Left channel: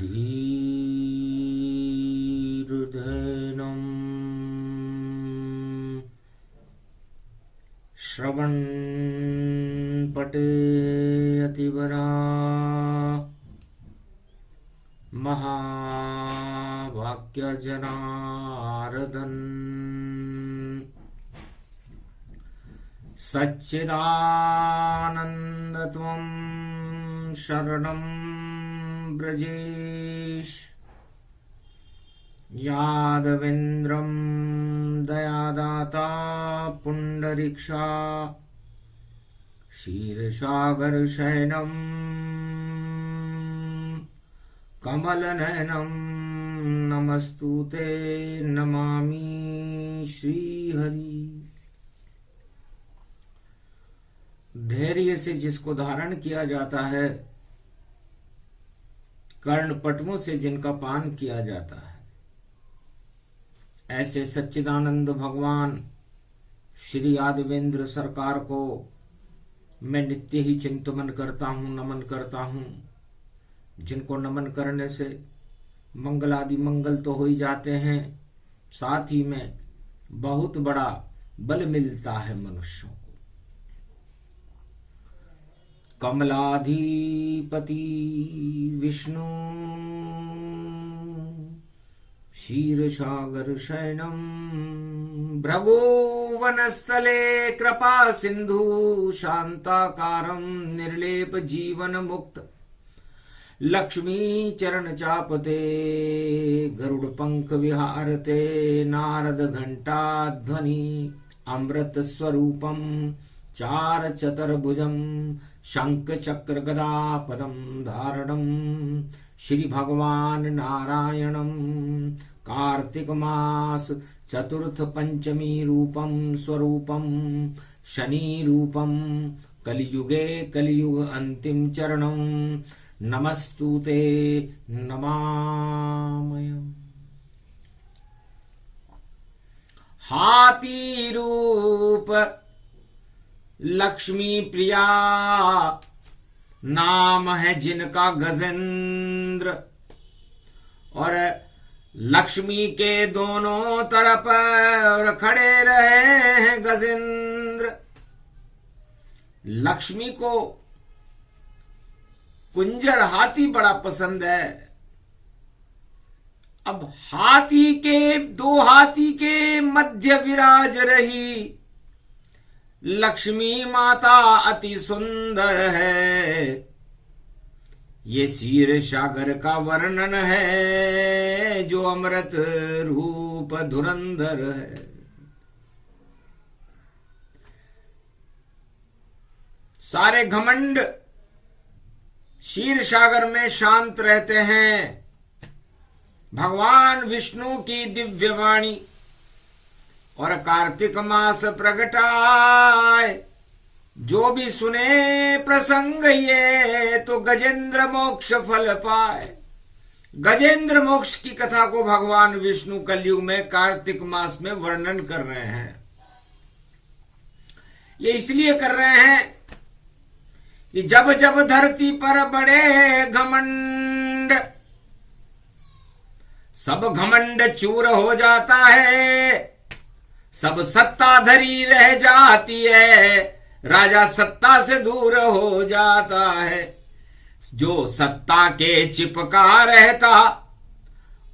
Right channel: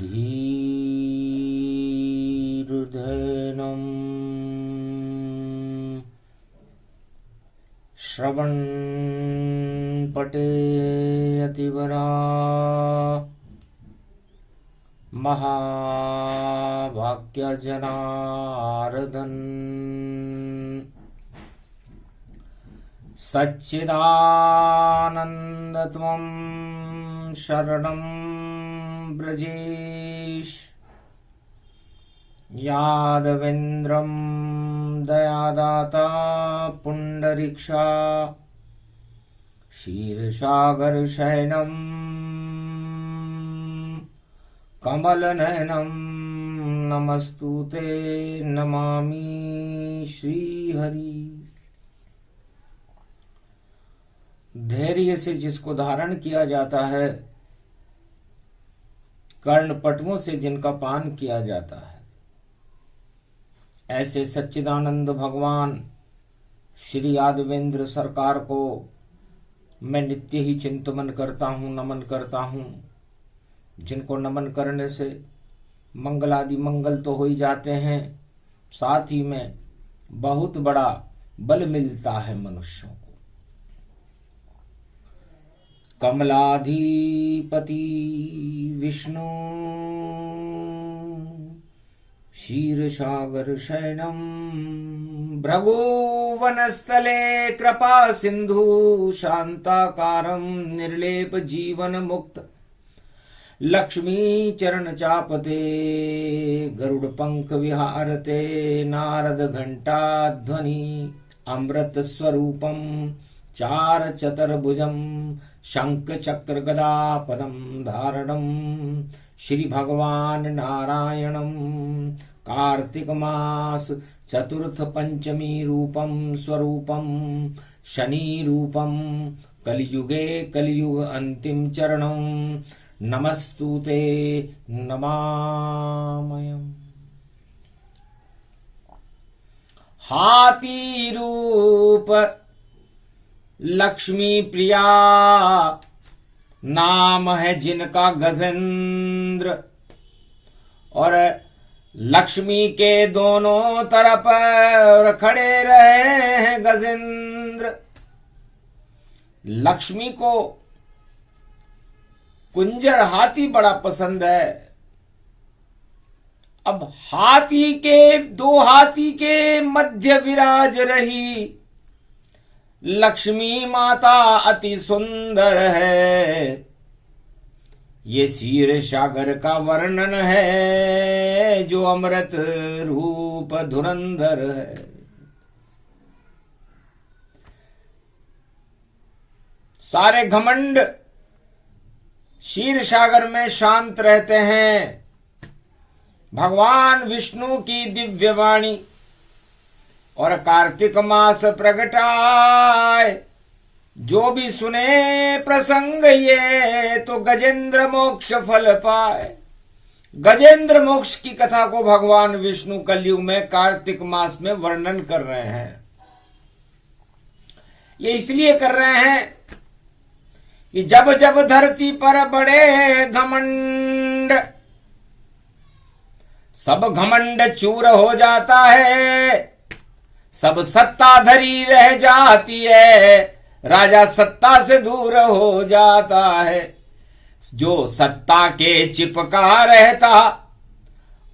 धीर्धैनं श्रवणपटेऽतिवरा महावाक्यजनार्दन सच्चिदानन्दत्वं शरणं ब्रजेश यादवेन्द्रं दयादाता पुण्डरीक्षा क्षीरसागरशयनं कमलनयनं नमस्तुते नमामि श्रीहरि। धैर्य से जिसको धारण किया जाता है, कर्णपटुओं से जिनका पान किया जाता है, ऐसे सच्चिदानंद भगवान श्री यादवेंद्र सरकार को मैं नित्य ही चिंतन करता हूँ, नमन करता हूँ। जिनको नमन करने से मंगल आदि मंगल तो हो ही जाते हैं, साथ ही में बहुत बड़ा बल मिलता है मनुष्यों को। कमलाधिपति विष्णु क्षीरसागर शयनम भ्रगुवनस्थले कृपा सिंधु शांताकारं निर्लेप जीवन मुक्त लक्ष्मी चरण चापते गरुड़ पंख विहारते नारद घंटा ध्वनि अमृत स्वरूपम चार चतुर्भुजम शंख चक्र गदा पदम धारणम श्री भगवान नारायणम कार्तिक मास चतुर्थ पंचमी रूपम स्वरूपम शनि रूपम कलियुगे कलियुग अंतिम चरणम नमस्तुते नमामयम्। हाथी रूप लक्ष्मी प्रिया नाम है जिनका गजेंद्र, और लक्ष्मी के दोनों तरफ और खड़े रहे हैं गजेंद्र। लक्ष्मी को कुंजर हाथी बड़ा पसंद है। अब दो हाथी के मध्य विराज रही लक्ष्मी माता अति सुंदर है। ये क्षीर सागर का वर्णन है जो अमृत रूप धुरंधर है। सारे घमंड क्षीर सागर में शांत रहते हैं। भगवान विष्णु की दिव्य वाणी और कार्तिक मास प्रगटाए, जो भी सुने प्रसंग ये तो गजेंद्र मोक्ष फल पाए। गजेंद्र मोक्ष की कथा को भगवान विष्णु कलयुग में कार्तिक मास में वर्णन कर रहे हैं। ये इसलिए कर रहे हैं कि जब जब धरती पर बड़े घमंड, सब घमंड चूर हो जाता है, सब सत्ताधरी रह जाती है, राजा सत्ता से दूर हो जाता है। जो सत्ता के चिपका रहता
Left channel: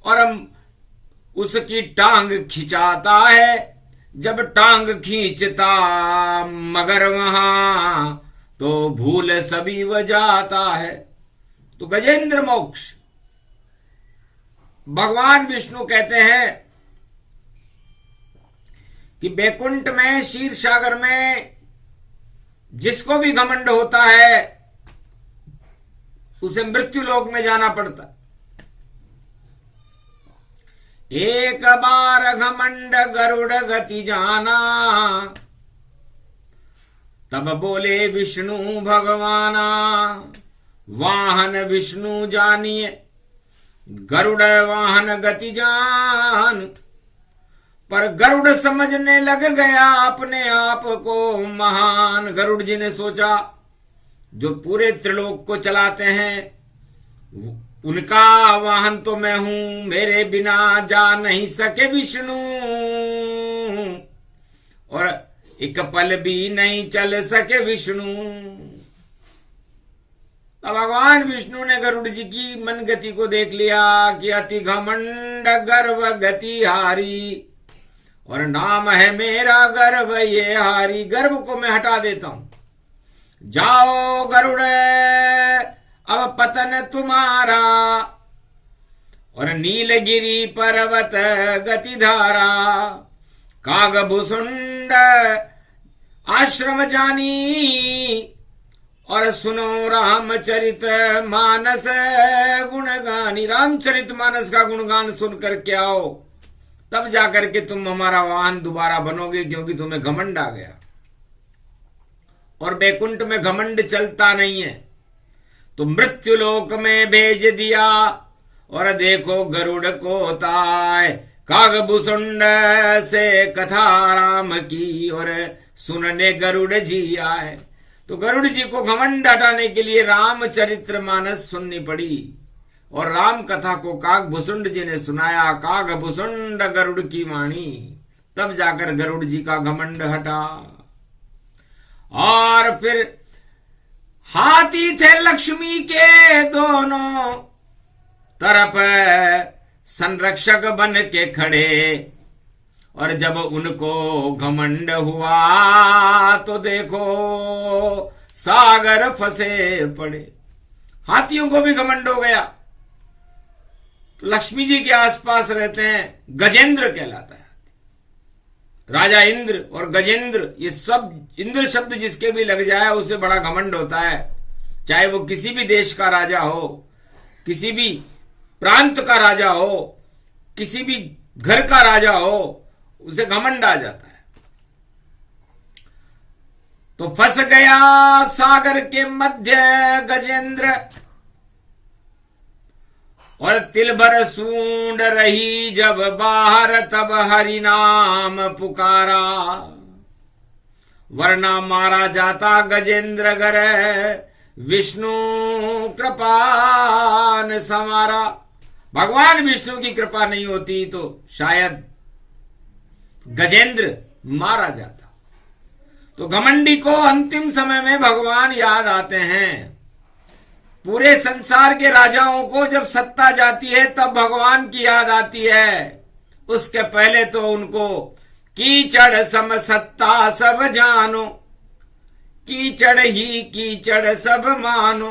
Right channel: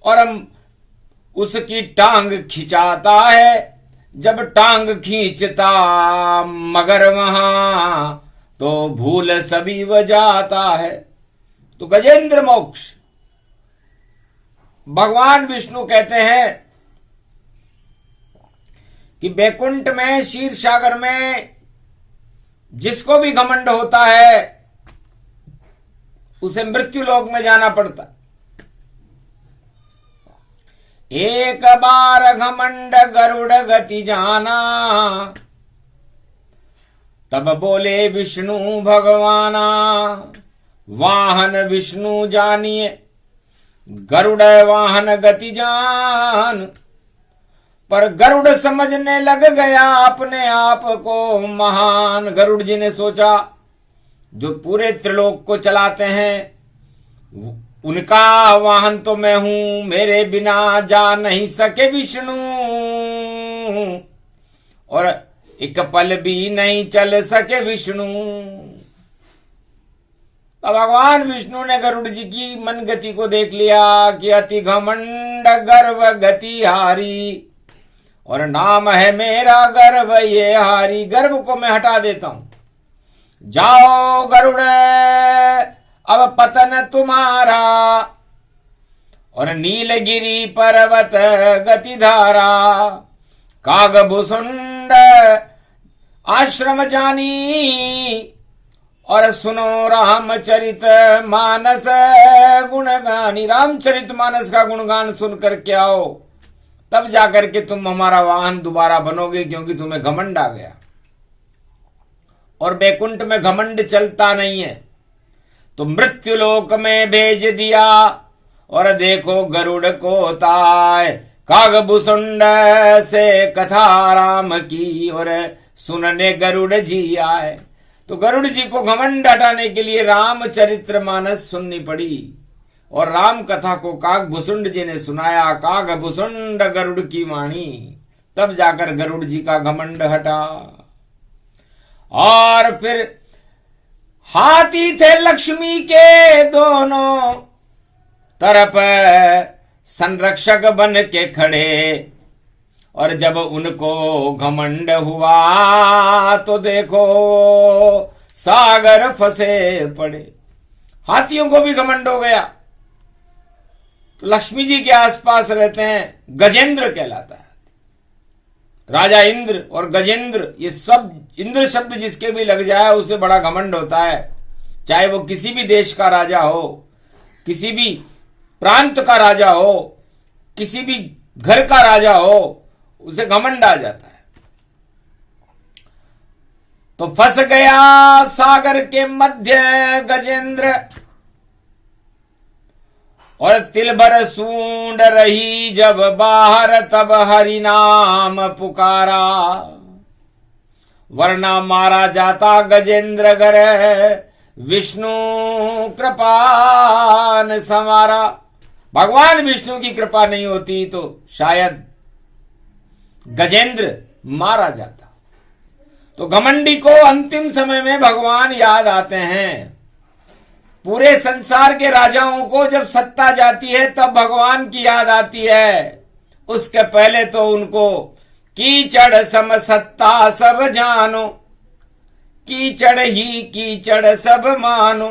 और उसकी टांग खिंचाता है, जब टांग खींचता मगर वहां तो भूल सभी व जाता है। तो गजेंद्र मोक्ष भगवान विष्णु कहते हैं कि बैकुंठ में क्षीर सागर में जिसको भी घमंड होता है उसे मृत्यु लोक में जाना पड़ता। एक बार घमंड गरुड़ गति जाना, तब बोले विष्णु भगवाना, वाहन विष्णु जानिए गरुड़ वाहन गति जान। पर गरुड़ समझने लग गया अपने आप को महान। गरुड़ जी ने सोचा जो पूरे त्रिलोक को चलाते हैं उनका वाहन तो मैं हूं, मेरे बिना जा नहीं सके विष्णु, और एक पल भी नहीं चल सके विष्णु। तो भगवान विष्णु ने गरुड़ जी की मन गति को देख लिया कि अति घमंड गर्व गति हारी, और नाम है मेरा गर्व ये हारी। गर्व को मैं हटा देता हूं, जाओ गरुड़ अब पतन तुम्हारा, और नीलगिरी पर्वत गति धारा, काग भुसुंड आश्रम जानी, और सुनो रामचरित मानस गुणगानी। रामचरित मानस का गुणगान सुन करके आओ, तब जाकर के तुम हमारा वाहन दोबारा बनोगे, क्योंकि तुम्हें घमंड आ गया। और बैकुंठ में घमंड चलता नहीं है, तो मृत्युलोक में भेज दिया, और देखो गरुड़ को ताय, कागभूषुंड से कथा राम की, और सुनने गरुड़ जी आए। तो गरुड़ जी को घमंड हटाने के लिए रामचरित्र मानस सुननी पड़ी, और राम कथा को कागभूषुंड जी ने सुनाया, कागभूषुंड गरुड़ की वाणी। तब जाकर गरुड़ जी का घमंड हटा। और फिर हाथी थे लक्ष्मी के दोनों तरफ संरक्षक बन के खड़े, और जब उनको घमंड हुआ तो देखो सागर फंसे पड़े। हाथियों को भी घमंड हो गया। लक्ष्मी जी के आसपास रहते हैं, गजेंद्र कहलाता है। राजा इंद्र और गजेंद्र, ये सब इंद्र शब्द जिसके भी लग जाए उसे बड़ा घमंड होता है, चाहे वो किसी भी देश का राजा हो, किसी भी प्रांत का राजा हो, किसी भी घर का राजा हो, उसे घमंड आ जाता है। तो फंस गया सागर के मध्य गजेंद्र, और तिल भर सूंड रही जब बाहर, तब हरि नाम पुकारा, वरना मारा जाता गजेंद्र गर विष्णु कृपा न संवारा। भगवान विष्णु की कृपा नहीं होती तो शायद गजेंद्र मारा जाता। तो घमंडी को अंतिम समय में भगवान याद आते हैं। पूरे संसार के राजाओं को जब सत्ता जाती है तब भगवान की याद आती है। उसके पहले तो उनको कीचड़ सम सत्ता सब जानो, कीचड़ ही कीचड़ सब मानो,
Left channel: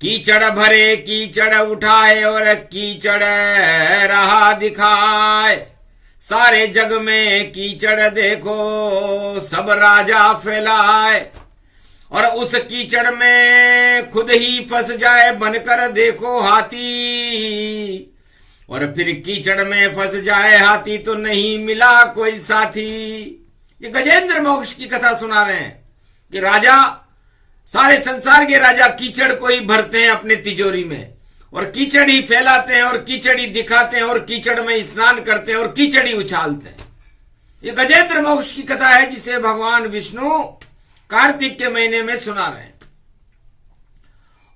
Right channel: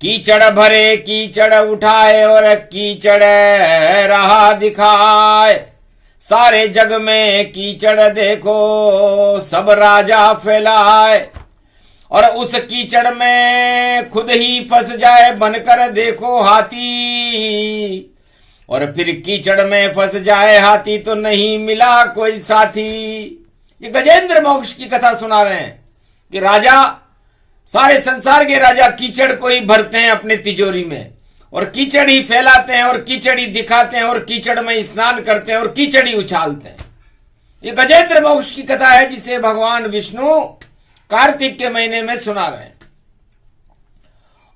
कीचड़ भरे कीचड़ उठाए और कीचड़ रहा दिखाए, सारे जग में कीचड़ देखो सब राजा फैलाए, और उस कीचड़ में खुद ही फंस जाए बनकर देखो हाथी, और फिर कीचड़ में फंस जाए हाथी तो नहीं मिला कोई साथी। ये गजेंद्र मोक्ष की कथा सुना रहे हैं कि राजा, सारे संसार के राजा कीचड़ को ही भरते हैं अपने तिजोरी में, और कीचड़ ही फैलाते हैं, और कीचड़ ही दिखाते हैं, और कीचड़ में स्नान करते हैं, और कीचड़ ही उछालते हैं। ये गजेंद्र मोक्ष की कथा है जिसे भगवान विष्णु कार्तिक के महीने में सुना रहे हैं।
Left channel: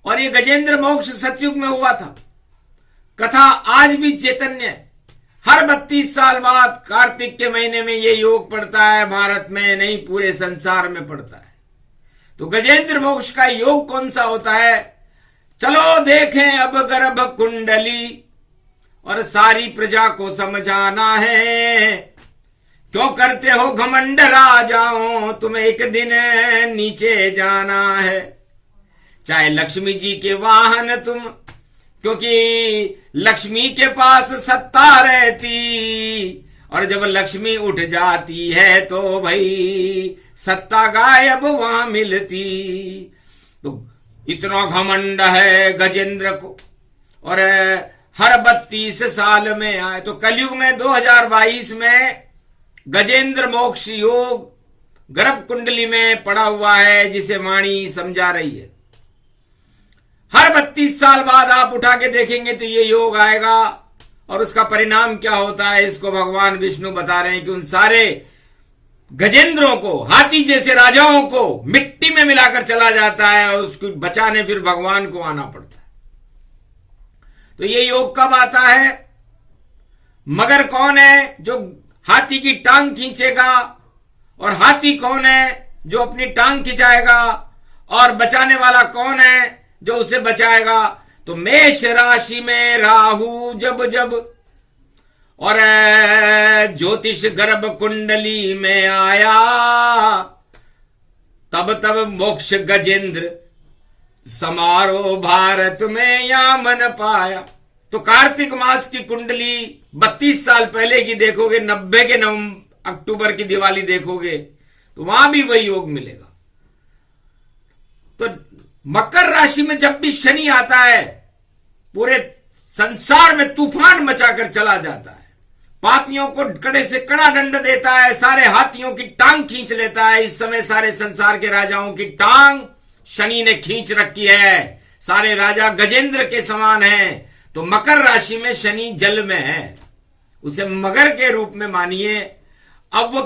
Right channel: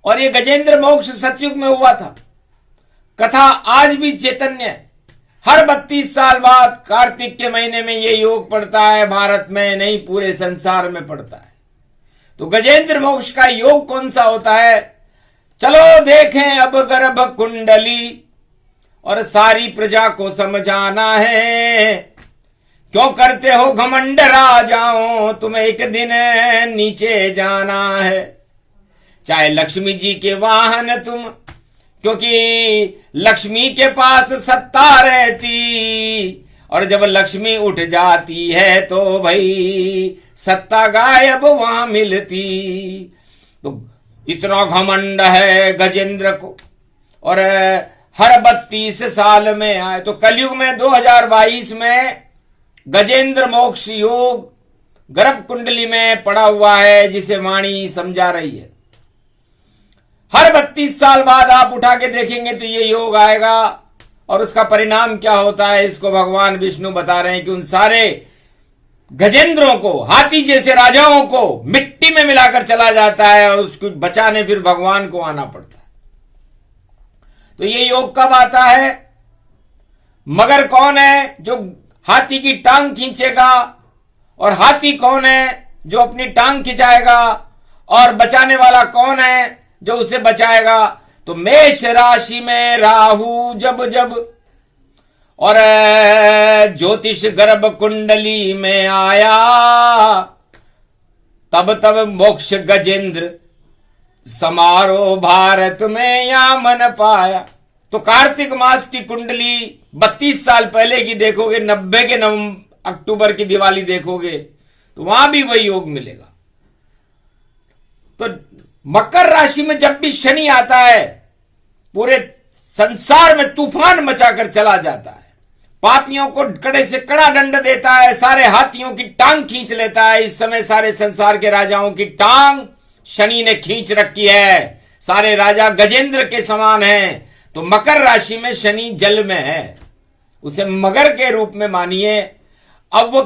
और ये गजेंद्र मोक्ष सतयुग में हुआ था। कथा आज भी चैतन्य है। हर 32 साल बाद कार्तिक के महीने में ये योग पड़ता है। भारत में नहीं, पूरे संसार में पड़ता है। तो गजेंद्र मोक्ष का योग कौन सा होता है, चलो देखें अब गर्भ कुंडली, और सारी प्रजा को समझाना है। क्यों करते हो घमंड राजाओं, तुम्हें एक दिन नीचे जाना है। चाहे लक्ष्मी जी के वाहन तुम, क्योंकि लक्ष्मी के पास सत्ता रहती, और जब लक्ष्मी उठ जाती है तो भाई सत्ता गायब वहां मिलती। तो इतना घमंड है गजेंद्र को, और हर 32 साल में आए। तो कलयुग में 2022 में गजेंद्र मोक्ष योग गर्भ कुंडली में पड़ा हुआ है, जिसे वाणी समझा रही है। हर 32 साल बाद आप उठा के देखेंगे तो ये योग आएगा, और उसका परिणाम क्या होता है इसको भगवान विष्णु बता रहे हैं कि उन सारे गजेंद्रों को, हाथी जैसे राजाओं को मिट्टी में मिलाकर चला जाता है, और उसको बचाने फिर भगवान को आना पड़ता है। तो ये योग कब आता है? मगर कौन है जो हाथी की टांग खींचेगा, और हाथी कौन है जो अपनी टांग खिंचाएगा, और बचाने वाला कौन है जो उसे बचाएगा? तो मेष राशि में राहु जब जब और ज्योतिष गर्भ कुंडली में आया, तब तब मोक्ष गजेंद्र समारोह भारत में यामन पाया। तो कार्तिक मास की कुंडली 32 साल पहले की देखोगे, 90 के अक्टूबर की दिवाली देखोगे तो वहां भी वही योग मिलेगा। तो मकर राशि में जब भी शनि आता है, पूरे संसार में तूफान मचाकर चला जाता है, पापियों को कड़े से कड़ा दंड देता है, सारे हाथियों की टांग खींच लेता है। इस समय सारे संसार के राजाओं की टांग शनि ने खींच रखी है, सारे राजा गजेंद्र के समान हैं। तो मकर राशि में शनि जल में है, उसे मगर के रूप में मानिए। अब वो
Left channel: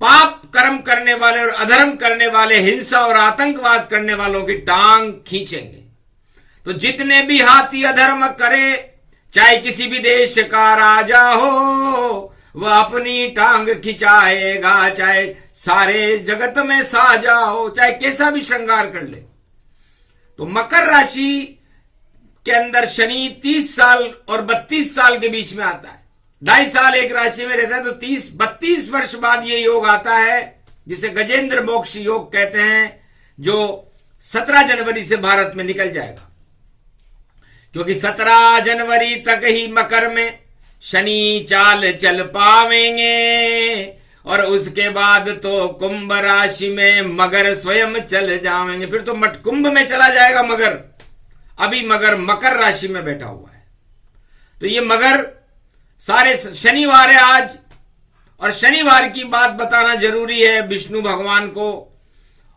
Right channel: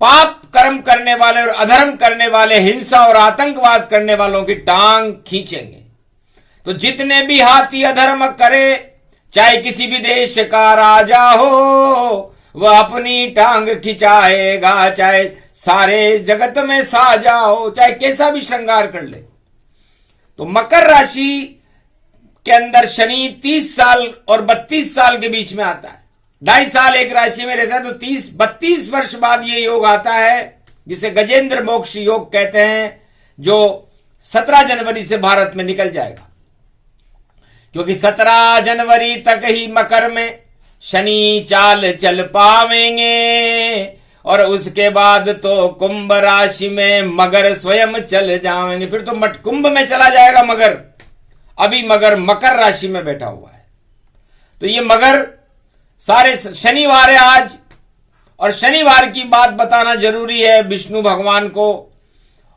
पाप कर्म करने वाले और अधर्म करने वाले, हिंसा और आतंकवाद करने वालों की टांग खींचेंगे। तो जितने भी हाथी अधर्म करे, चाहे किसी भी देश का राजा हो, वह अपनी टांग खिंचाएगा, चाहे सारे जगत में साजा हो, चाहे कैसा भी श्रृंगार कर ले। तो मकर राशि के अंदर शनि 30 साल और 32 साल के बीच में आता है। 2.5 साल एक राशि में रहता है, तो 32 वर्ष बाद ये योग आता है, जिसे गजेंद्र मोक्ष योग कहते हैं, जो 17 जनवरी से भारत में निकल जाएगा। क्योंकि 17 जनवरी तक ही मकर में शनि चाल चल पावेंगे, और उसके बाद तो कुंभ राशि में मगर स्वयं चल जाएंगे। फिर तो मट कुंभ में चला जाएगा मगर, अभी मगर मकर राशि में बैठा हुआ है। तो ये मगर सारे शनिवार है आज, और शनिवार की बात बताना जरूरी है विष्णु भगवान को।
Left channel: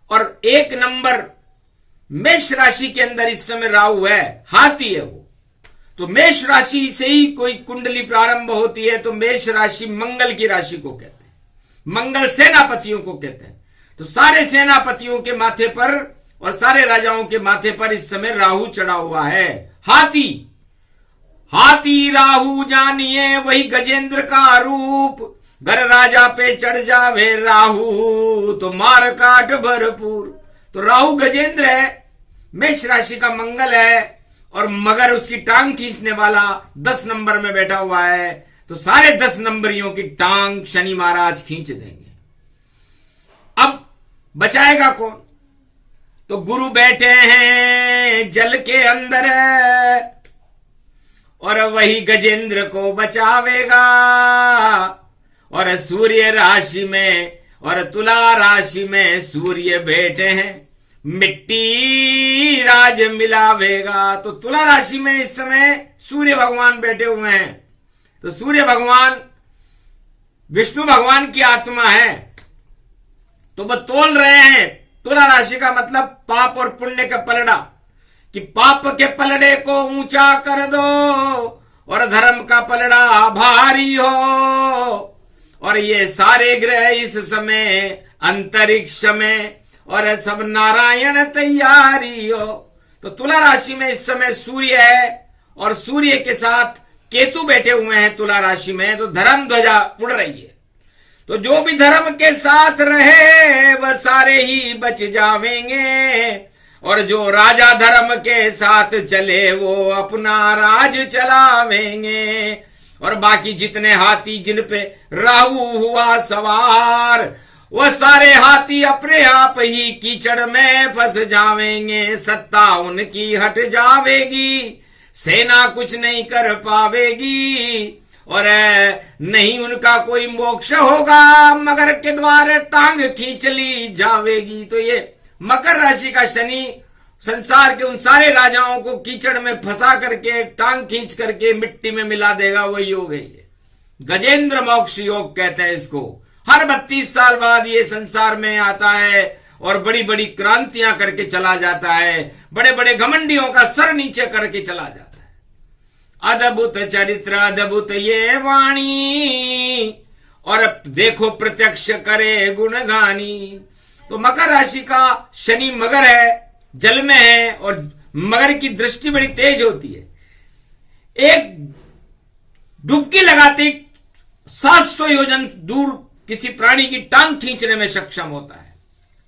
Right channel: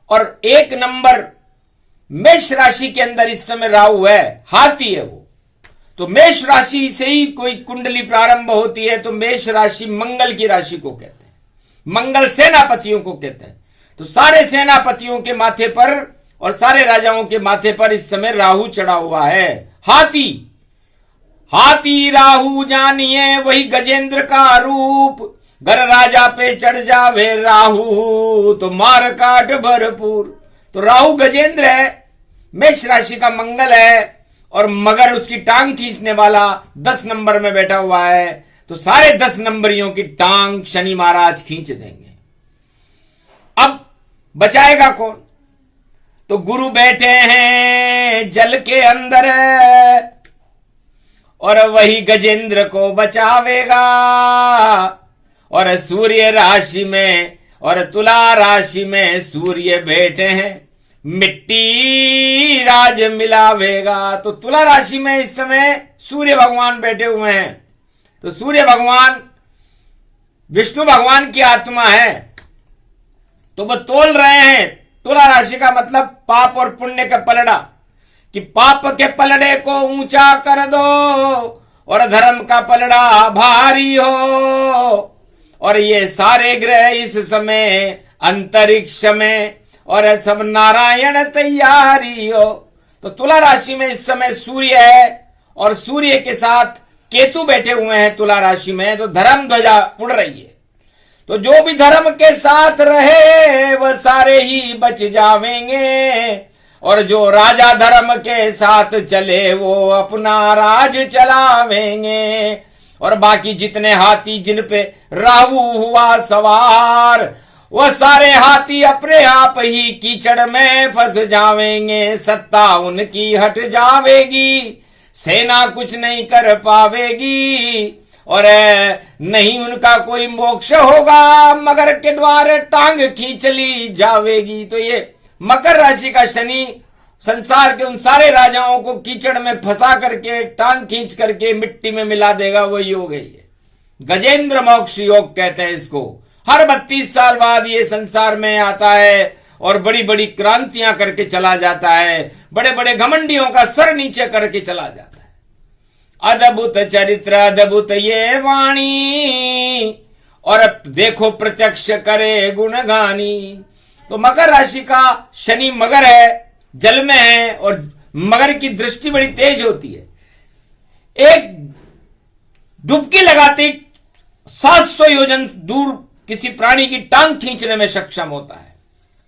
और 1 नंबर मेष राशि के अंदर इस समय राहु है, हाथी है वो। तो मेष राशि से ही कोई कुंडली प्रारंभ होती है, तो मेष राशि मंगल की राशि को कहते हैं, मंगल सेनापतियों को कहते हैं। तो सारे सेनापतियों के माथे पर और सारे राजाओं के माथे पर इस समय राहु चढ़ा हुआ है। हाथी हाथी राहु जानिए वही गजेंद्र का रूप, घर राजा पे चढ़ जावे राहु तो मार काट भरपूर। तो राहु गजेंद्र है, मेष राशि का मंगल है, और मगर उसकी टांग खींचने वाला 10 नंबर में बैठा हुआ है। तो सारे 10 नंबरियों की टांग शनि महाराज खींच देंगे। अब बचाएगा कौन? तो गुरु बैठे हैं जल के अंदर, और वही गजेंद्र को बचावेगा। और सूर्य राशि में और तुला राशि में सूर्य बैठे हैं, मिट्टी राज मिलावेगा। तो तुला राशि में इस समय सूर्य भगवान बैठे हुए हैं। तो सूर्य भगवान विष्णु भगवान की आत्मा है, तो वो तोल रहे हैं। तुला राशि का मतलब पाप और पुण्य का पलड़ा, कि पाप के पलड़े को ऊंचा कर दो और धर्म का पलड़ा भारी हो। और ये सारे ग्रह इस समय अंतरिक्ष में, और सब नारायण तैयारी हो। तो तुला राशि में इस समय सूर्य है, और सूर्य के साथ केतु बैठे हुए हैं तुला राशि में। तो धर्म ध्वजा उड़ रही है। तो जो भी धर्म के साथ रहे वह सारे ही बच जावेंगे, और जो राजा धर्म के साथ चले वो अपना राज चलावेंगे। और बाकी जितने हाथी जिन पे राहु हुआ सवार, वो सारे हाथी अपने आप ही कीचड़ में फंस जावेंगे। सत्ता उनकी हट जावेगी, सेना कुछ नहीं कर पावेगी, और नहीं उनका कोई मोक्ष होगा, मगर के द्वार टांग खींच ली जावेगी। तो ये मकर राशि का शनि संसार के उन सारे राजाओं को कीचड़ में फंसा करके टांग खींच करके मिट्टी में मिला देगा। वो योग है ये गजेंद्र मोक्ष योग कहते हैं इसको। हर 32 साल बाद ये संसार में आता है और बड़ी बड़ी क्रांतियां करके चला जाता है, बड़े बड़े घमंडियों का सर नीचे करके चला जाता है। अद्भुत चरित्र अद्भुत ये वाणी, और देखो प्रत्यक्ष करे गुणगानी। तो मकर राशि का शनि मगर है, जल में है, और मगर की दृष्टि बड़ी तेज होती है। एक डुबकी लगाते 700 योजन दूर किसी प्राणी की टांग खींचने में सक्षम होता है।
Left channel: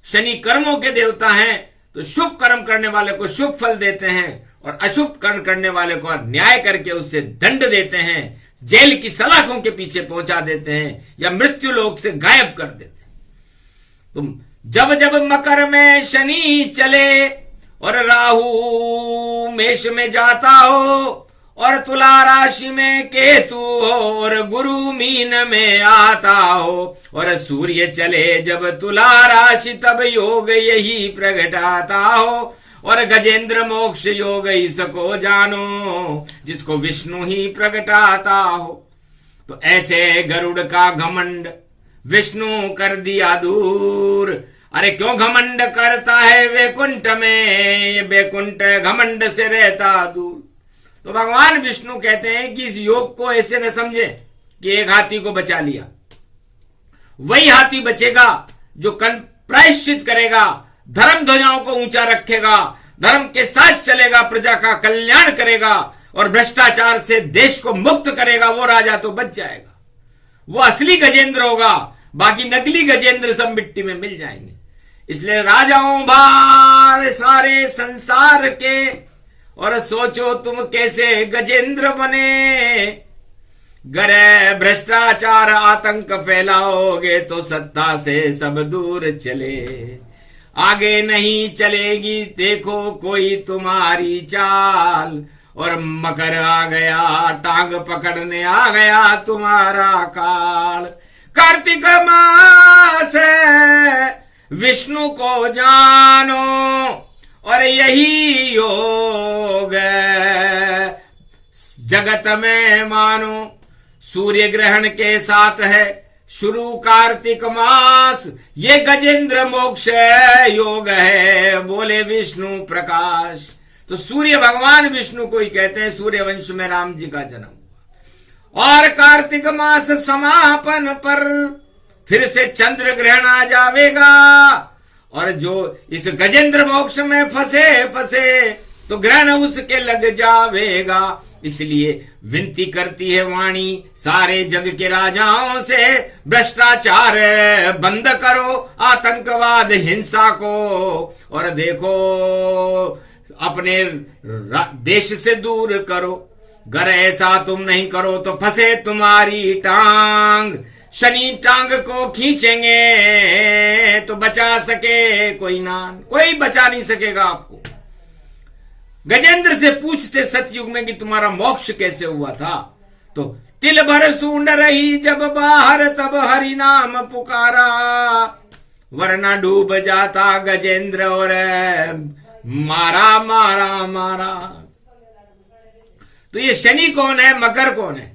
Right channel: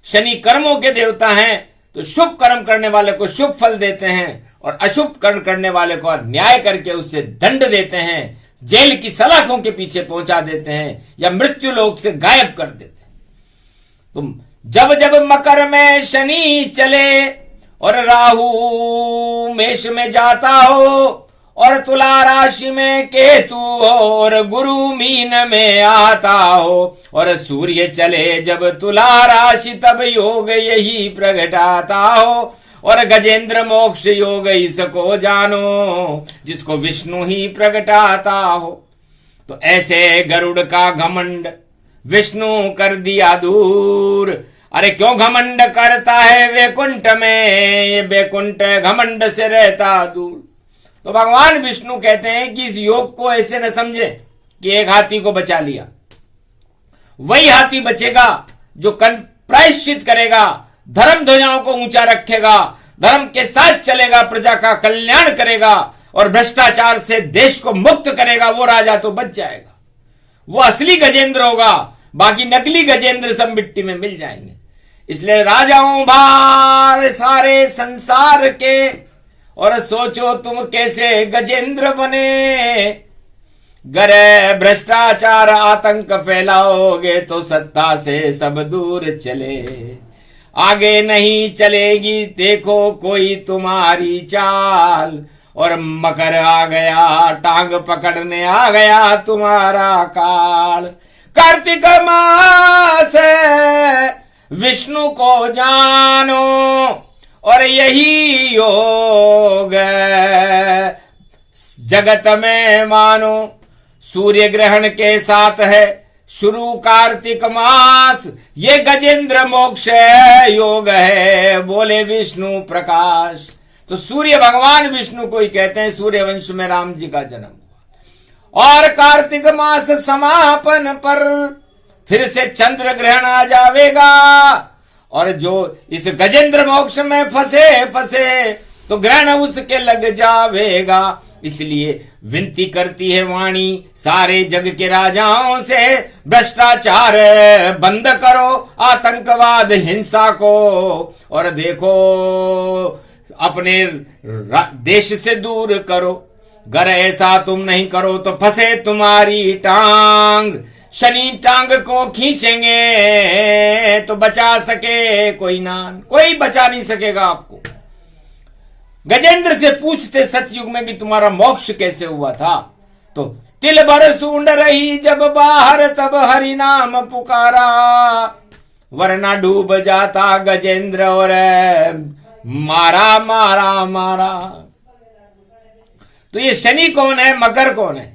शनि कर्मों के देवता हैं, तो शुभ कर्म करने वाले को शुभ फल देते हैं और अशुभ कर्म करने वाले को न्याय करके उससे दंड देते हैं, जेल की सलाखों के पीछे पहुंचा देते हैं या मृत्यु लोक से गायब कर देते हैं। तुम जब जब मकर में शनि चले और राहु मेष में जाता हो और तुला राशि में केतु हो और गुरु मीन में आता हो और सूर्य चले जब तुला राशि तब योग यही प्रगटाता हो और गजेंद्र मोक्ष योग इसको जानो जिसको विष्णु ही प्रगटाता हो। तो ऐसे गरुड़ का घमंड विष्णु कर दिया दूर। अरे क्यों घमंड करता है वैकुंठ में, ये वैकुंठ घमंड से रहता दूर। तो भगवान विष्णु कहते हैं कि इस योग को ऐसे न समझे कि एक हाथी को बचा लिया। वही हाथी बचेगा जो प्रायश्चित करेगा, धर्म ध्वजाओं को ऊंचा रखेगा, धर्म के साथ चलेगा, प्रजा का कल्याण करेगा और भ्रष्टाचार से देश को मुक्त करेगा। वो राजा तो बच जाएगा, वो असली गजेंद्र होगा, बाकी नकली गजेंद्र सब मिट्टी में मिल जाएंगे। इसलिए राजाओं भार सारे संसार के और सोचो तुम कैसे गजेंद्र बने। गरे भ्रष्टाचार आतंक फैलाओगे तो सत्ता से सब दूर चले। आगे नहीं चलेगी देखो कोई तुम्हारी चाल और मकर आ गया टांग पकड़ने आ गया तुम्हारा काल। कार्तिक मास विष्णु को जानो और यही योग जगत में मानो। सूर्य ग्रहण के साथ है शुरू कार्तिक मास, ये गजेंद्र मोक्ष योग है बोले विष्णु प्रकाश। तो सूर्य भगवान विष्णु को ही कहते हैं, सूर्य वंश में राम जी का जन्म हुआ। और कार्तिक मास समापन पर फिर से चंद्र ग्रहण आ जावेगा और जो इस गजेंद्र मोक्ष में फंसे तो ग्रहण उसके लग जावेगा। इसलिए विनती करती है वाणी सारे जग के राजाओं से, भ्रष्टाचार बंद करो, आतंकवाद हिंसा को, और देखो अपने देश से दूर करो। अगर ऐसा तुम नहीं करो तो फंसे तुम्हारी टांग। शनि टांग को खींचेंगे तो बचा सके कोई नान, कोई बचा नहीं सकेगा आपको। गजेंद्र से पूछते सतयुग में कि तुम्हारा मोक्ष कैसे हुआ था, तो तिल भर सूंड रही जब बाहर तब हरि नाम पुकारा, वरना डूब जाता गजेंद्र और मारा मारा मारा। तो ये शनि कौन है, मकर कौन है?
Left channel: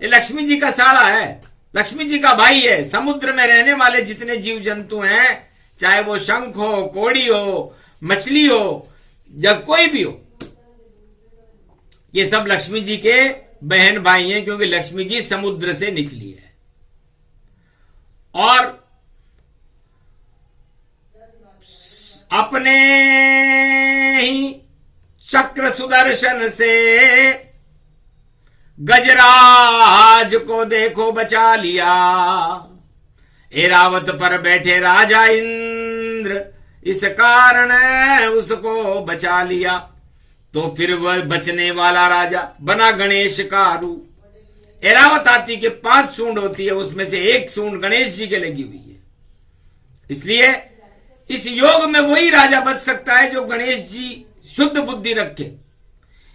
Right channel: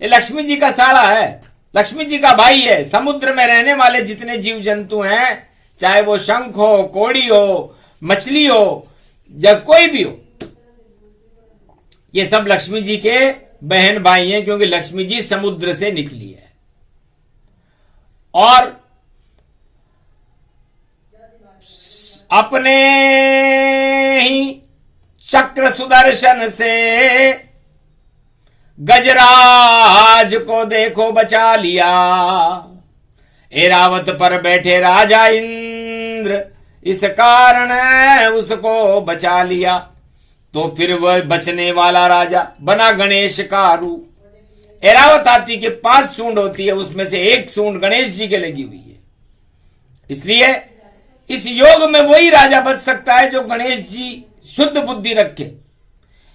ये लक्ष्मी जी का साड़ा है, लक्ष्मी जी का भाई है। समुद्र में रहने वाले जितने जीव जंतु हैं, चाहे वो शंख हो, कोड़ी हो, मछली हो या कोई भी हो, ये सब लक्ष्मी जी के बहन भाई हैं, क्योंकि लक्ष्मी जी समुद्र से निकली है। और अपने ही चक्र सुदर्शन से गजराज को देखो बचा लिया। ऐरावत पर बैठे राजा इंद्र इस कारण उसको बचा लिया। तो फिर वह बचने वाला राजा बना गणेश का रूप। ऐरावत हाथी के 5 सूंड होती है, उसमें से 1 सूंड गणेश जी के लगी हुई है। इसलिए इस योग में वही राजा बच सकता है जो गणेश जी शुद्ध बुद्धि रखे।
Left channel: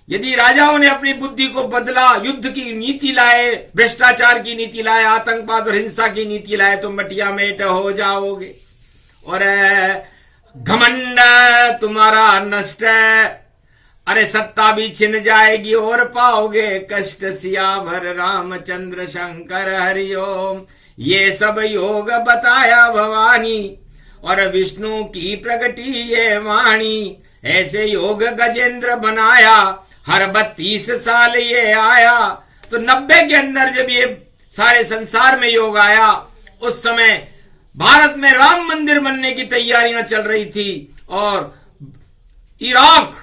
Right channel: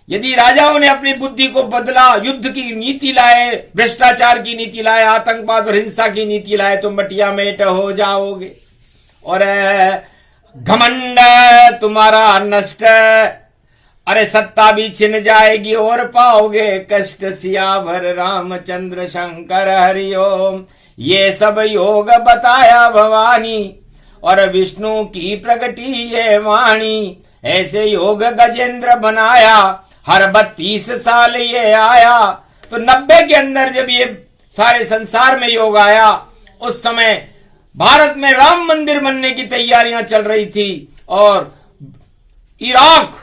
यदि राजाओं ने अपनी बुद्धि को बदला, युद्ध की नीति लाए, भ्रष्टाचार की नीति लाए, आतंकवाद और हिंसा की नीति लाए, तो मटिया मेट हो जाओगे और घमंड तुम्हारा नष्ट। अरे सत्ता भी छिन जाएगी और पाओगे कष्ट। सियावर रामचंद्र शंकर हरिओम। ये सब योग बताया भवानी और विष्णु की प्रगटी ये वाणी। ऐसे योग गजेंद्र बनाया, हर 32 साल ये आया। तो 90 के अंदर जब ये सारे संसार में योग आया, उस समय भारत में राम मंदिर बनने की तैयारियां चल रही थी और इराक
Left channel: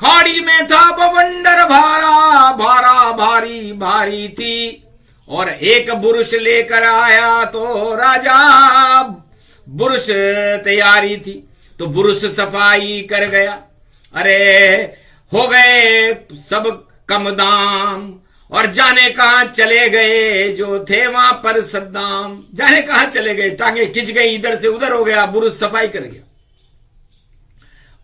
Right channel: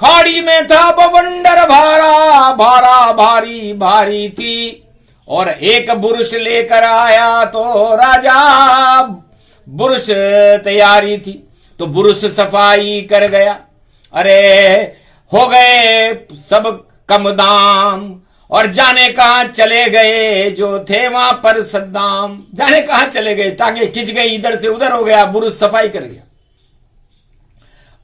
खाड़ी में था बवंडर भारा, भारा भारी भारी थी। और एक बुरुष लेकर आया तो राजा बुरुष तैयारी थी, तो बुरुष सफाई कर गया। अरे हो गए सब कम दाम, और जाने कहां चले गए जो थे वहां पर सद्दाम। जाने कहां चले गए, टांगे खिंच गई, इधर से उधर हो गया, बुरुष सफाई कर गया।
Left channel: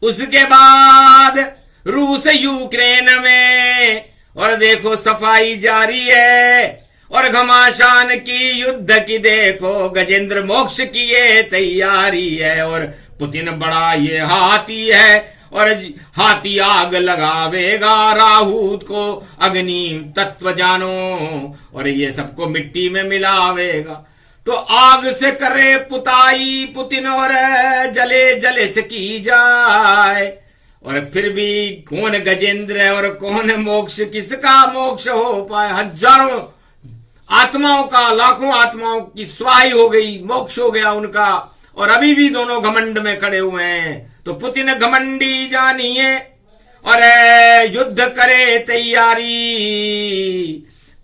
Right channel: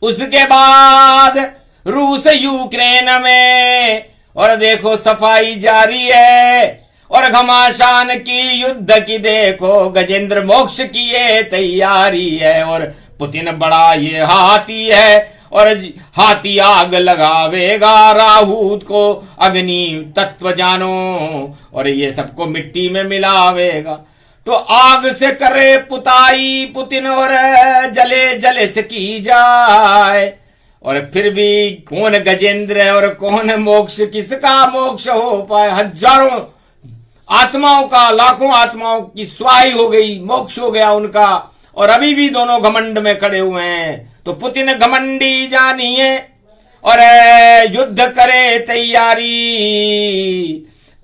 उसके बाद रूस यूक्रेन में, और देखो सफाई जारी है, और घमासान की युद्ध की देखो गजेंद्र मोक्ष की ये तैयारी है। और पुतिन बड़ा ये हाथी है, और हाथी आग लगावेगा राहूत को, अग्नि तत्व जानो, और ये सबको मिट्टी में मिलावेगा। तो आग से करे पुताई पुतिन, और जले जले से की जाए। और फिर भी कौन गजेंद्र है और कौन मोक्ष, किसका मोक्ष हो पाए। हजारों आत्माओं का, लाखों आत्माओं की स्वाही हो गई, मोक्ष हो गया उनका, और अभी भी दोनों घमंड में खड़े हुए हैं। तो पुतिन घमंडी जानिए, और युद्ध करे तैयारी,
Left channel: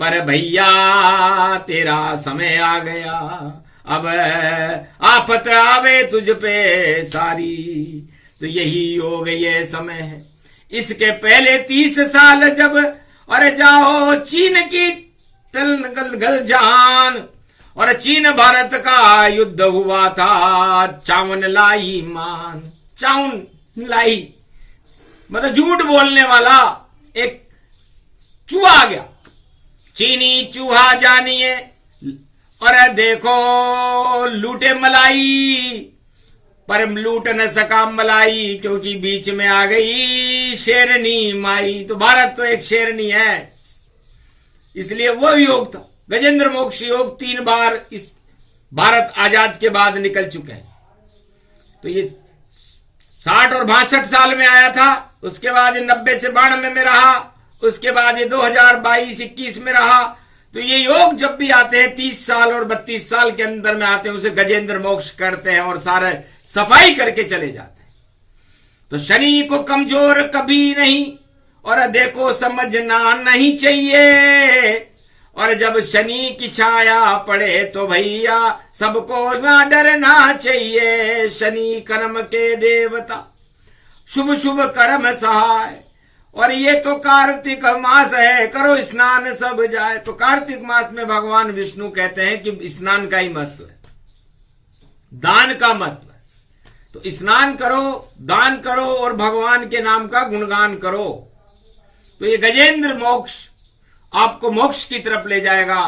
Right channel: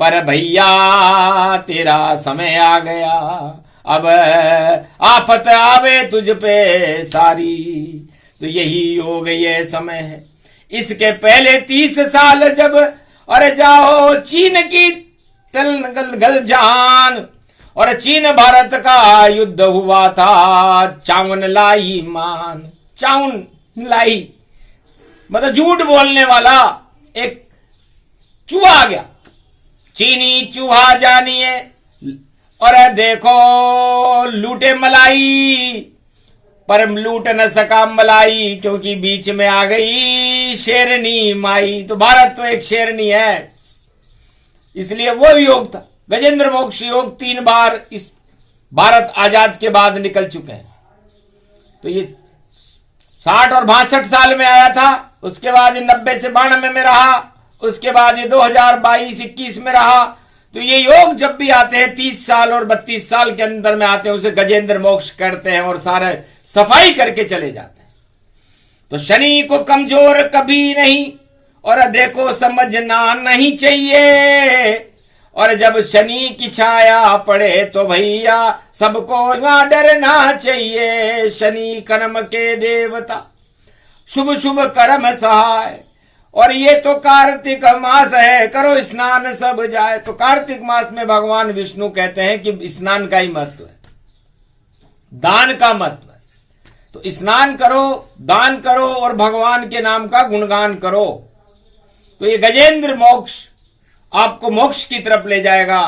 पर भैया तेरा समय आ गया, अब आफत आवे तुझ पे सारी। तो यही योग ये समय है। इसके पहले 30 साल जब, अरे जाओ चीन की तल गल जान, और चीन भारत का युद्ध हुआ था, चावन लाई मान। चाउन लाई मतलब झूठ बोलने वाला एक चूहा आ गया, चीनी चूहा जानिए। और देखो लूटे मलाई, पर लूट न सका मलाई, क्योंकि बीच में आ गई शेरनी माई। तो भारत तो एक शेरनी है, इसलिए वो योग था गजेंद्र मोक्ष योग। 3 बार इस भारत आजाद के बाद निकल चुके हैं। तो ये 60 और 62 साल में आया था, उसके बाद ये 90 से 92 में रहा, उसके बाद ये 2022-21 में रहा। तो ये योग जब भी आते हैं 30 साल और 32 साल के अंदर में आते हैं, उसे गजेंद्र मोक्ष करते हैं और सारे सफाई करके चले जाते हैं। तो शनि को कमजोर कभी नहीं, और देखो समझना नहीं चाहिए। और जब शनि की छाया पड़े तो भैया सबको ना डरना चाहिए। शनि कर्म के देवता, शुभ शुभ कर्म सहाय। और ये तो कार्तिक मास है, करो स्नान सब जाए। तो कार्तिक मास में भगवान विष्णु कहते हैं कि स्नान का ही महत्व है, दान का महत्व है। तो स्नान करो, दान करो, और भगवान के नाम का गुणगान करो। तो ये गजेंद्र मोक्ष आपको मोक्ष की तरफ ले जाएगा,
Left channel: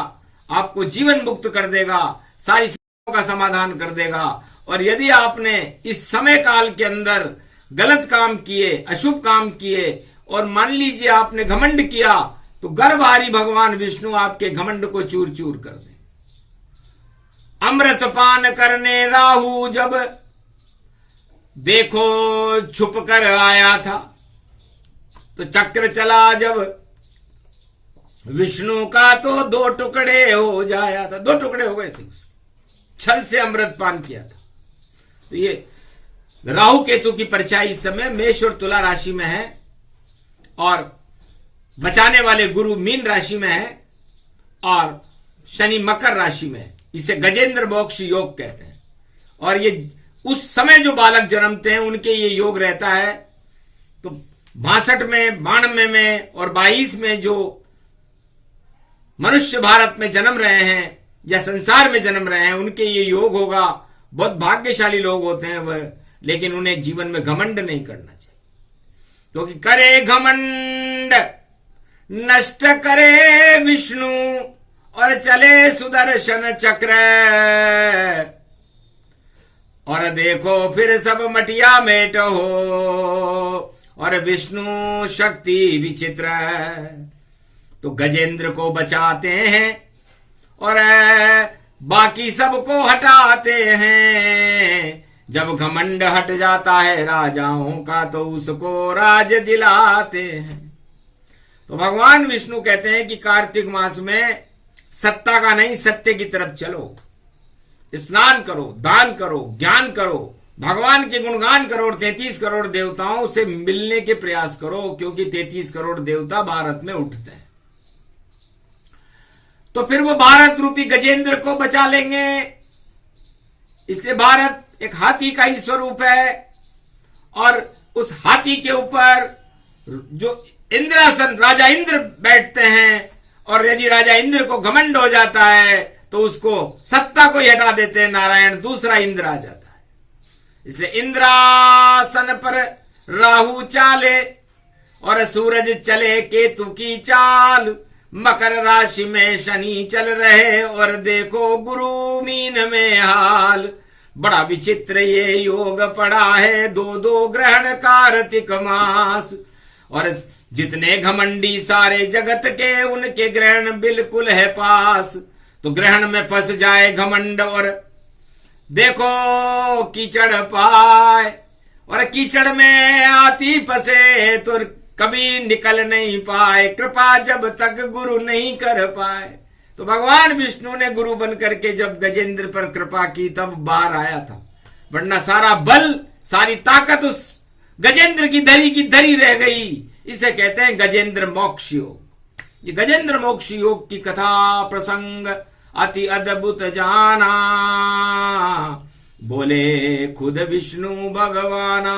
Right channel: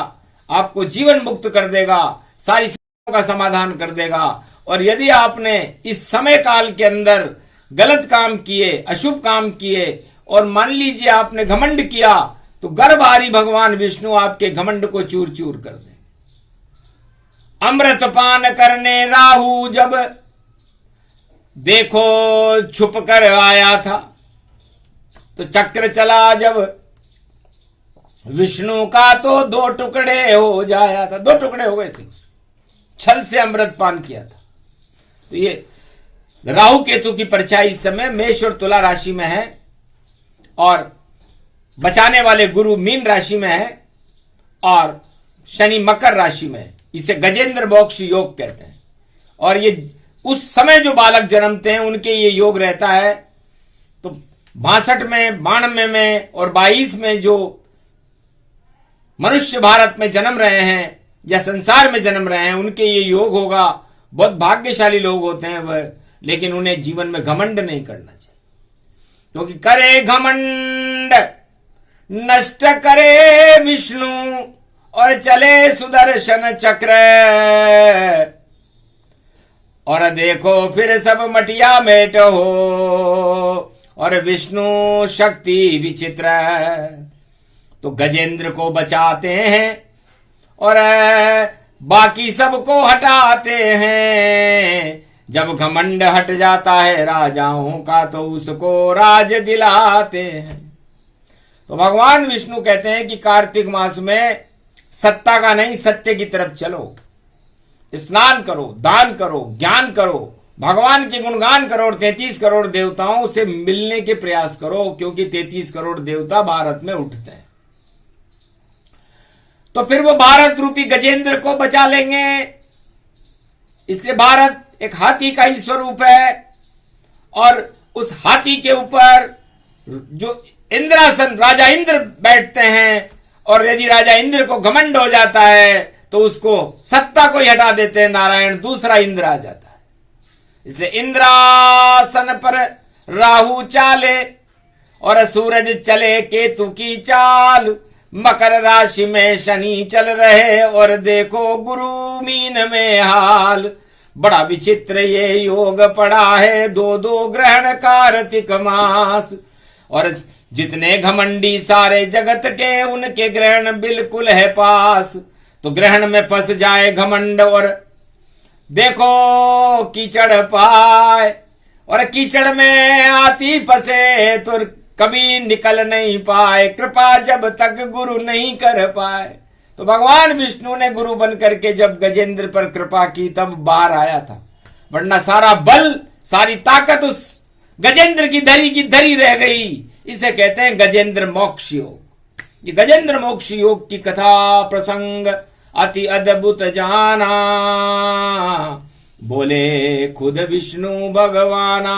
आपको जीवन मुक्त कर देगा, सारी समस्याओं का समाधान कर देगा। और यदि आपने इस समय काल के अंदर गलत काम किए, अशुभ काम किए, और मान लीजिए आपने घमंड किया, तो गर्भहारी भगवान विष्णु आपके घमंड को चूर चूर कर दे। अमृत पान करने राहु जब देखो छुप कर आया था, तो चक्र चला जब विष्णु का, तो 2 टुकड़े हो जाया था। 2 टुकड़े हो गए थे, छल से अमृत पान किया था। तो ये राहु केतु की परछाई इस समय मेष और तुला राशि में है, और बचाने वाले गुरु मीन राशि में है, और शनि मकर राशि में है। इसे गजेंद्र मोक्ष योग कहते हैं। और ये उस समय जो बालक जन्मते हैं उनके ये योग रहता है। तो 62 में, 92 में और 22 में जो मनुष्य भारत में जन्म रहे हैं या संसार में जन्म रहे हैं, उनके ये योग होगा। बहुत भाग्यशाली लोग होते हैं वह, लेकिन उन्हें जीवन में घमंड नहीं करना चाहिए, क्योंकि करे घमंड नष्ट करे विष्णु, और चले सुदर्शन चक्र। और देखो फिर सब मटिया मेट हो, और विष्णु शक्ति विचित्र। तो गजेंद्र को बचाते हैं और बाकी सबको हटाते हैं। जब घमंड हट जाता है राजाओं का, तो उसको राज दिलाते हैं। तो भगवान विष्णु कहते हैं कि कार्तिक मास में सत्ता का नहीं, सत्य की तरफ चलो, स्नान करो, दान करो, ज्ञान करो, भगवान के गुणगान करो और 33 करोड़ देवताओं से मिलने के प्रयास करो, क्योंकि 33 करोड़ देवता भारत में उठते हैं। तो फिर वो भारत रूपी गजेंद्र को बचा लेंगे। इसलिए भारत एक हाथी का ही स्वरूप है, और उस हाथी के ऊपर जो इंद्रासन राजा इंद्र बैठते हैं, और यदि राजा इंद्र को घमंड हो जाता है तो उसको सत्ता को ही हटा देते हैं नारायण, दूसरा इंद्र आ जाता है। इसलिए इंद्रासन पर राहु चाले और सूरज चले केतु की चाल, मकर राशि में शनि चल रहे और देखो गुरु मीन में हाल। बड़ा विचित्र ये योग पड़ा है, दो दो ग्रहण कार्तिक मास, और जितने घमंडी सारे जगत के उनके ग्रहण बिल्कुल है पास। तो ग्रहण में फंस जाए घमंड और देखो कीचड़ पाए, और कीचड़ में आती फंसे तो कभी निकल नहीं पाए, कृपा जब तक गुरु नहीं कर पाए। तो भगवान विष्णु ने गुरु बन करके जब गजेंद्र पर कृपा की तब बाहर आया था, वरना सारा बल सारी ताकत उस गजेंद्र की धरी रह गई। इसे कहते हैं गजेंद्र मोक्ष योग। ये गजेंद्र मोक्ष योग की कथा प्रसंग अति अद्भुत जाना, बोले खुद विष्णु भगवाना।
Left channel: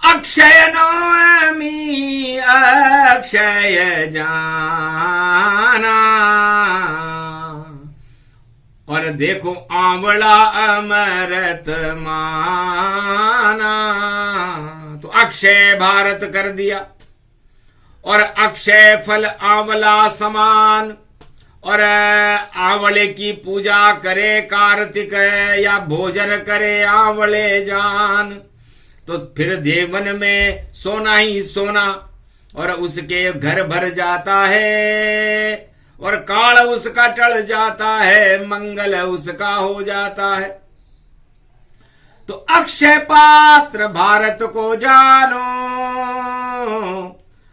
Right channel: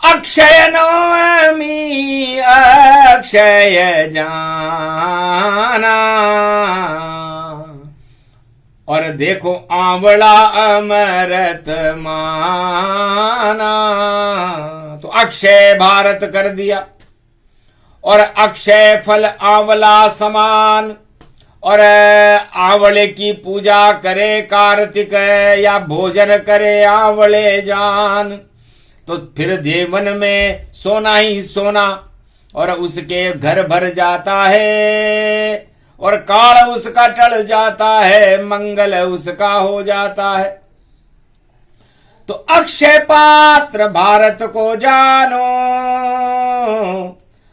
अक्षय नवमी अक्षय जाना, और देखो आंवला अमृत माना। तो अक्षय भारत कर दिया, और अक्षय फल आंवला समान, और आंवले की पूजा करे कार्तिक या भोजन करे आंवले जान। तो फिर जीवन में सोना ही सोना, और उसके घर भर जाता है, और काल उसका टल जाता है, मंगल उसका हो जाता है। तो अक्षय पात्र भारत को जानो,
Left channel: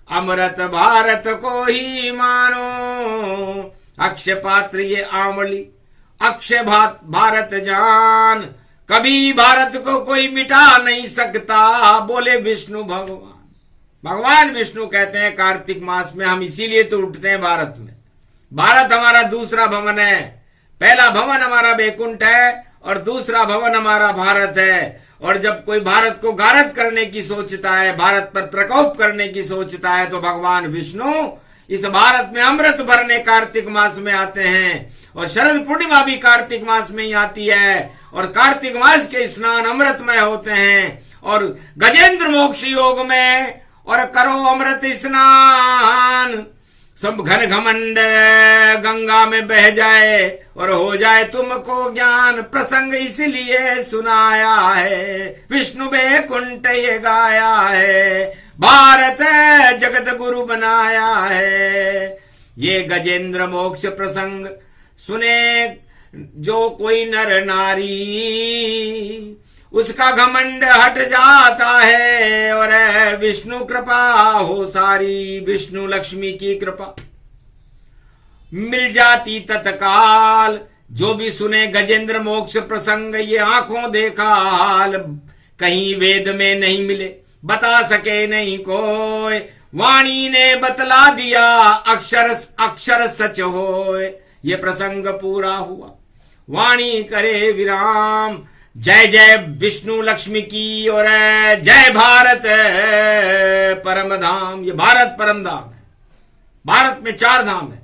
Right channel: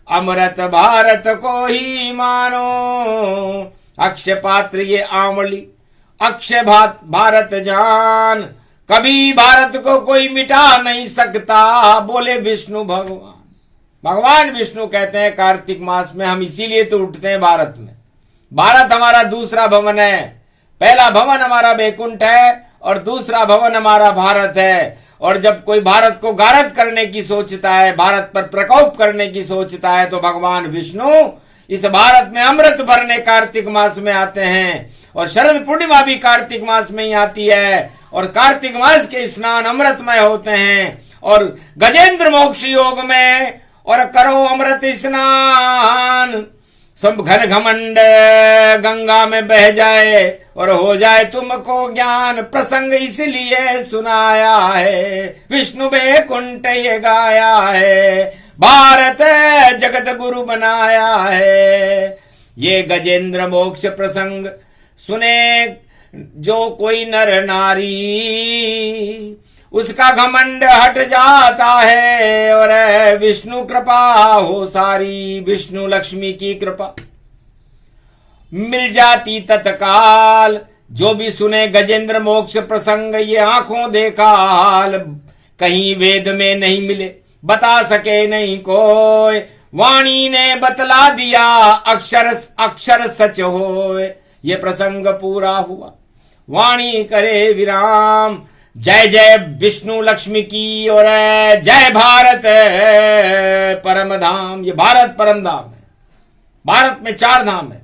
अमृत भारत को ही मानो। अक्षय पात्र ये आंवली, अक्षय भारत जान, कभी भारत को कोई मिटा नहीं सकता, बोले विष्णु भगवान। भगवान विष्णु कहते हैं कार्तिक मास में हम इसीलिए तो उठते हैं भारत में। भारत हमारा दूसरा भवन है, पहला भवन हमारा बैकुंठ है और दूसरा भवन हमारा भारत है। और जब कोई भारत को गारद करने की सोचता है, भारत पर प्रकोप करने की सोचता है, तो भगवान विष्णु इस भारत में अमृत भरने कार्तिक मास में आते हैं। और शरद पूर्णिमा भी कार्तिक मास में ही आती है, और कार्तिक मास के स्नान अमृतमय होते हैं। और गजेंद्र मोक्ष योग में और करो अमृत स्नान, सब घन घमंड गंगा में बह जाए और हो जाए तुमको ज्ञान। प्रसंग इसलिए सुनाया है, विष्णु बैकुंठ ये गाया है, भारत जगत गुरु बनाया है। ये गजेंद्र मोक्ष प्रसंग सुने जो कोई नर नारी, उसका घमंड हट जाता है और विष्णु कृपा हो सारी। विष्णु लक्ष्मी की कृपा मिल जाती तत्काल। जो भी सुने गजेंद्र मोक्ष प्रसंग, ये आंखों देखा हाल, कहीं वेद में नहीं मिले, बता सके नहीं कोई। वाणी ने बतला दिया, अक्षर अक्षर सच होए। ये प्रसंग पूरा हुआ, वाणी करे विराम। जय जय विष्णु लक्ष्मी की और जय भारत परम धाम। ये भारत परम धाम है। भारत में 4 धाम है,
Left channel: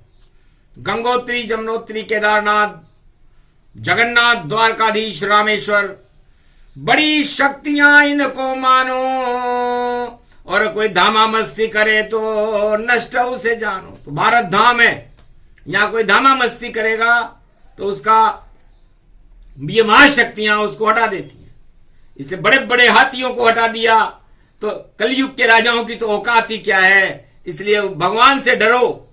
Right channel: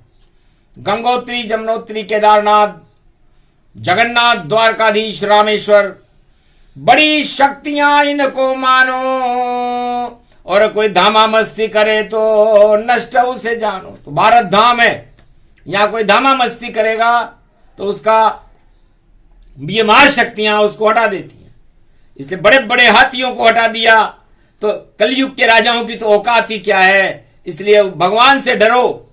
गंगोत्री, जमुनोत्री, केदारनाथ, जगन्नाथ, द्वारकाधीश, रामेश्वर। बड़ी शक्तियां इनको मानो, और कोई धामा मस्ती करे तो नष्ट उसे जानो। तो भारत धाम है, यहां कोई धामा मस्ती करेगा तो उसका ये महाशक्तियां उसको हटा देती हैं। इसलिए बड़े बड़े हाथियों को हटा दिया, तो कलयुग के राजाओं की तो औकात ही क्या है। इसलिए भगवान से डरो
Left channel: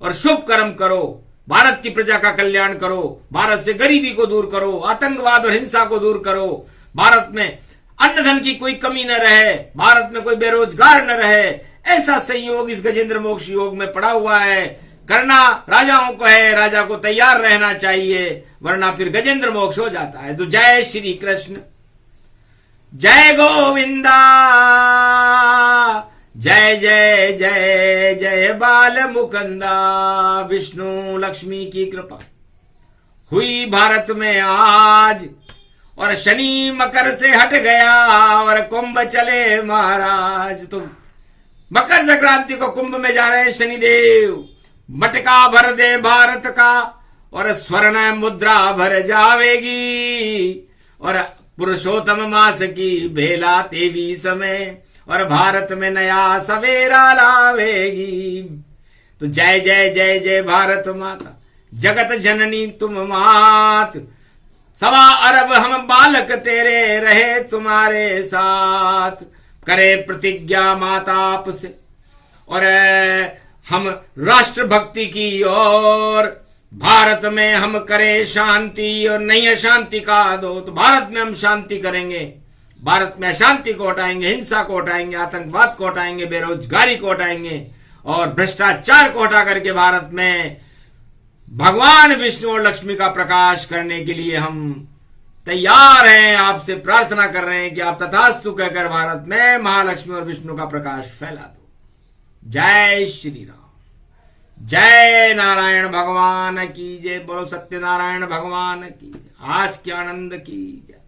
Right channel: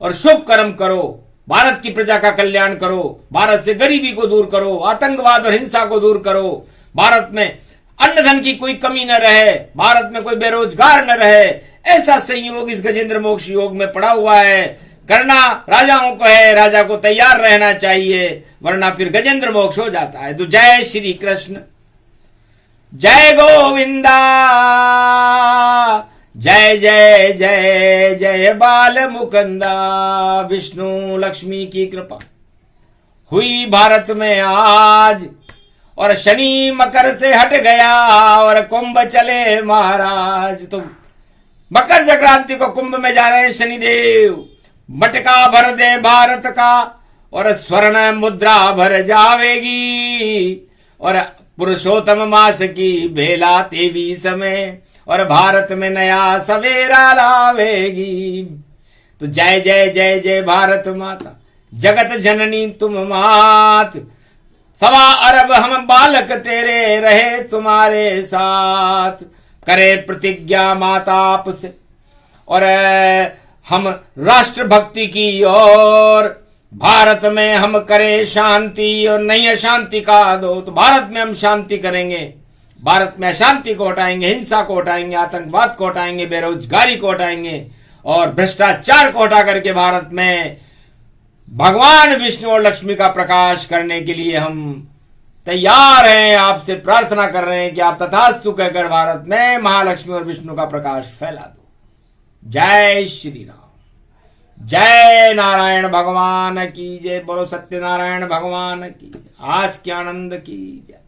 और शुभ कर्म करो, भारत की प्रजा का कल्याण करो, भारत से गरीबी को दूर करो, आतंकवाद और हिंसा को दूर करो, भारत में अन्न धन की कोई कमी न रहे, भारत में कोई बेरोजगार न रहे। ऐसा संयोग इस गजेंद्र मोक्ष योग में पड़ा हुआ है। करना राजाओं को है, राजा को तैयार रहना चाहिए, वरना फिर गजेंद्र मोक्ष हो जाता है। तो जय श्री कृष्ण। जय गोविंदा, जय जय जय जय बाल मुकुंदा। विष्णु लक्ष्मी की कृपा हुई भारत में आज, और शनि मकर से हट गया और कुंभ चले महाराज। तो मकर संक्रांति को कुंभ में जा रहे हैं शनिदेव। मटका भर दे भारत का और स्वर्ण मुद्रा भर जावेगी, और पुरुषोत्तम मास की बेला तेवी समय, और भारत में नया सवेरा लावेगी। तो जय जय जय जय भारत माता, जगत जननी तुम मात। 1.25 अरब हम बालक तेरे रहे तुम्हारे साथ। करे प्रतिज्ञा माता आपसे और हम राष्ट्र भक्ति की ओर, भारत में हम करें शांति और नहीं अशांति का दो। तो भारत में हम शांति करेंगे, भारत में अशांति को हटाएंगे, हिंसा को हटाएंगे, आतंकवाद को हटाएंगे, बेरोजगारी को हटाएंगे और भ्रष्टाचार को हटा करके भारत में भगवान विष्णु और लक्ष्मी का प्रकाश करने के लिए हम तैयार हैं। आपसे प्रार्थना कर रहे हैं कि आप तथास्तु कहकर भारत में महालक्ष्मी और विष्णु का प्रकाश फैला दो। जय श्री राम, जय नारायण भगवान की जय। बोलो सत्यनारायण भगवान की जय। आज के आनंद की जय।